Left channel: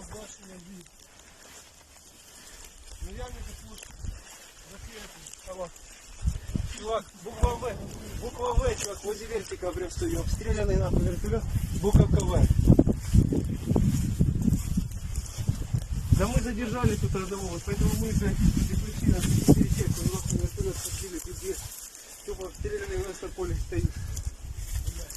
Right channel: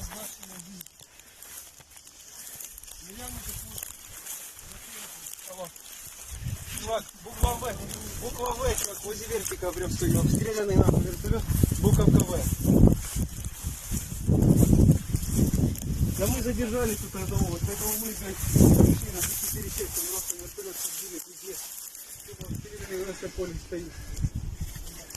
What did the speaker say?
назначення дій. Наявники пусть ракети. Чувак, буква В, чувак, возле вертика прям стою. Обстрелянный нахуй вертолет, буковка В. Да мы задержали тут одного, вот поэтому мы, блядь, пришли на 4 человека, у нас вертолет подбили, тут есть, тупо обстрелянный у нас на поле стоит.